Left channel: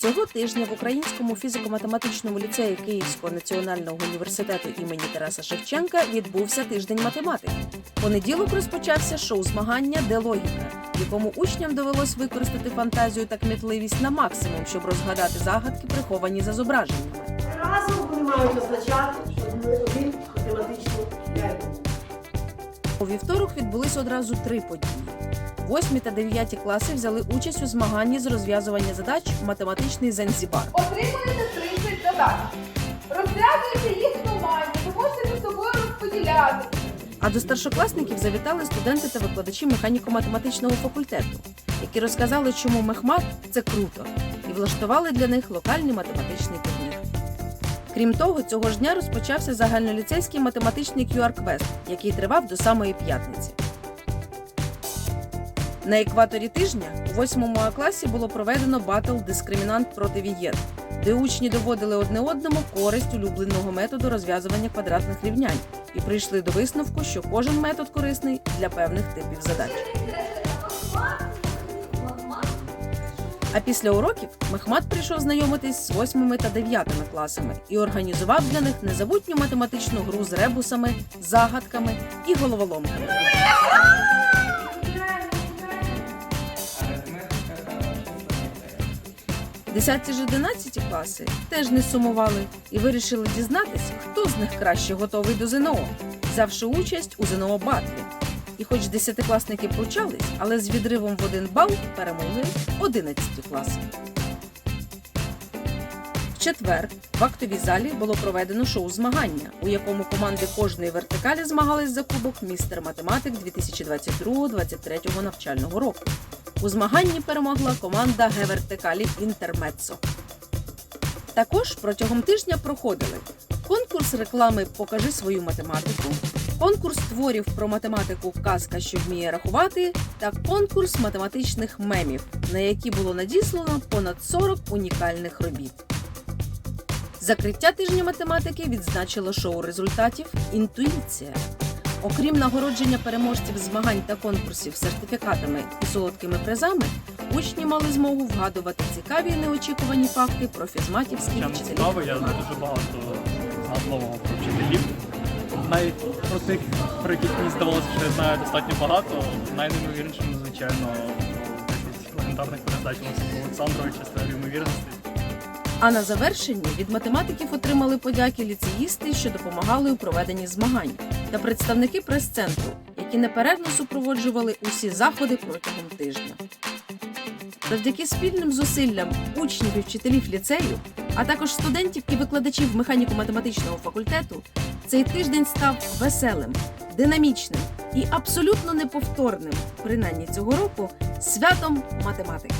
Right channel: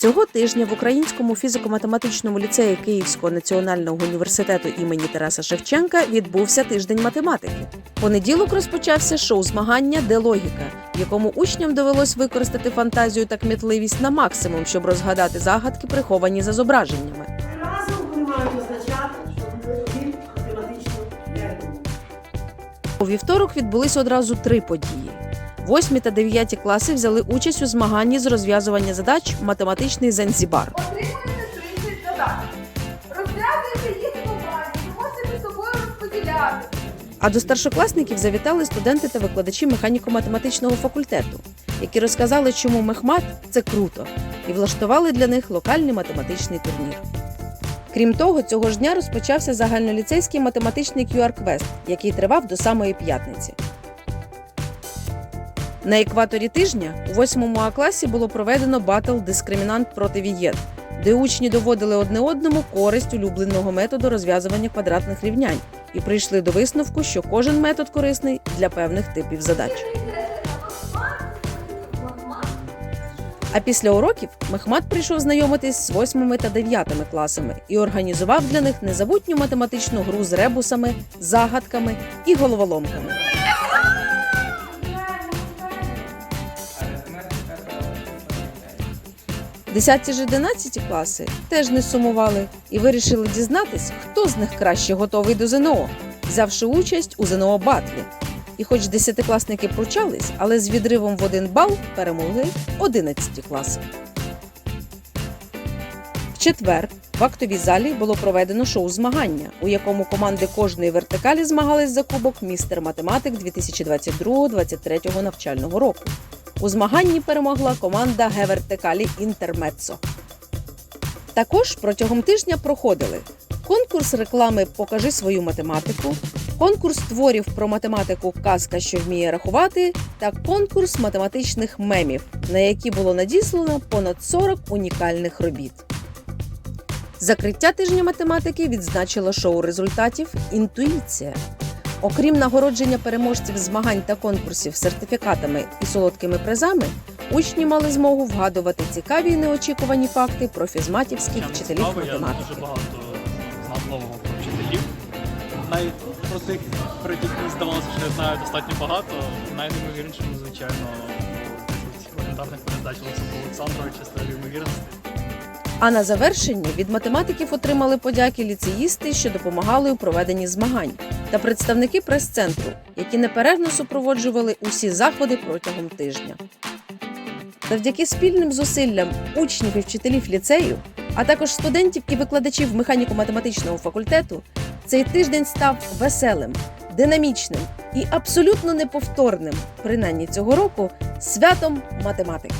Цього тижня в Українському фізико-математичному ліцеї Київського національного університету імені Тараса Шевченка відбувся тиждень математики. Понеділок розпочався шоу змагання Де логіка, якому учням довелось використати фантазію та кмітливість на максимум, щоб розгадати загадки, приховані за зображеннями. Разом вони мають означати, що ми один математичний. У вівторок відбулись одразу три події. Восьмі та дев'яті класи взяли участь у змаганні з розв'язування задач математичний Занзібар. Отримуєте 30 задач. Розв'язуйте їх ви можете між собою розподіляти. А до старшокласників завітали студенти та викладачі механіко-математичного факультету, які розказали, чому мехмат це круто, і влаштували для них локальний математичний турнір. Крім того, цього ж дня розпочався загальноліцейський математичний QR-квест, який тривав до самої п'ятниці. На екваторі тижня у 8 А класі було проведено батл Дискримінант проти вієт, де учні доводили одне одному користь улюбленого методу розв'язування квадратних рівнянь і прийшли до висновку, що кожен метод корисний для певних типів задач. А після уроків Мехмат прийшов знайомитись з восьмими та дев'ятими класами і організував для них незабутню математичну гру з ребусами, загадками і головоломками. Десяті ж 11 класи теж не сумували і вирішили дізнатись, хто з них краще готовий до ЗНО, взявши участь у ЗНО батлі. І хоч десятикласники почались, але з відривом в один бал перемогли 11 класи. В четвер в актовій залі було проведено шоу змагання, у якому команди кожної вертикалі змагались за кубок містер математик 2022-2023 навчального року. У змаганні перемогла команда Г-вертикалі Інтермецо. Також протягом тижня проходили конкурс реклами Покажи свою математику, конкурс творів про математику Казка, що вміє рахувати, та конкурс математичних мемів, на які було надіслано понад 40 унікальних робіт. Закриття тижня математики відзначило шоу результатів Інтуїція. Окрім нагородження переможців змагань та конкурсів сертифікатами і солодкими призами, учні мали змогу вгадувати цікаві і неочікувані факти про фізматівських вчителів. цікаво, я дуже багато знав нового про вчителів. Навіть про тих, про яких мені здавалося, що я знаю достатньо багато. Найнеймовірнішим, звичайно, 10 легендарних передач Олександровича теорії ймовірності. А на завершенні від математиків отримали подяки ліцеїсти, що допомагали у проведенні змагань, та представники прес-центру, які неперервно супроводжували усі заходи протягом тижня. Завдяки спільним зусиллям учнів і вчителів ліцею, а також студентів і викладачів механіко-математичного факультету, цей тиждень став веселим, динамічним і абсолютно неповторним, принаймні цього року, святом математики.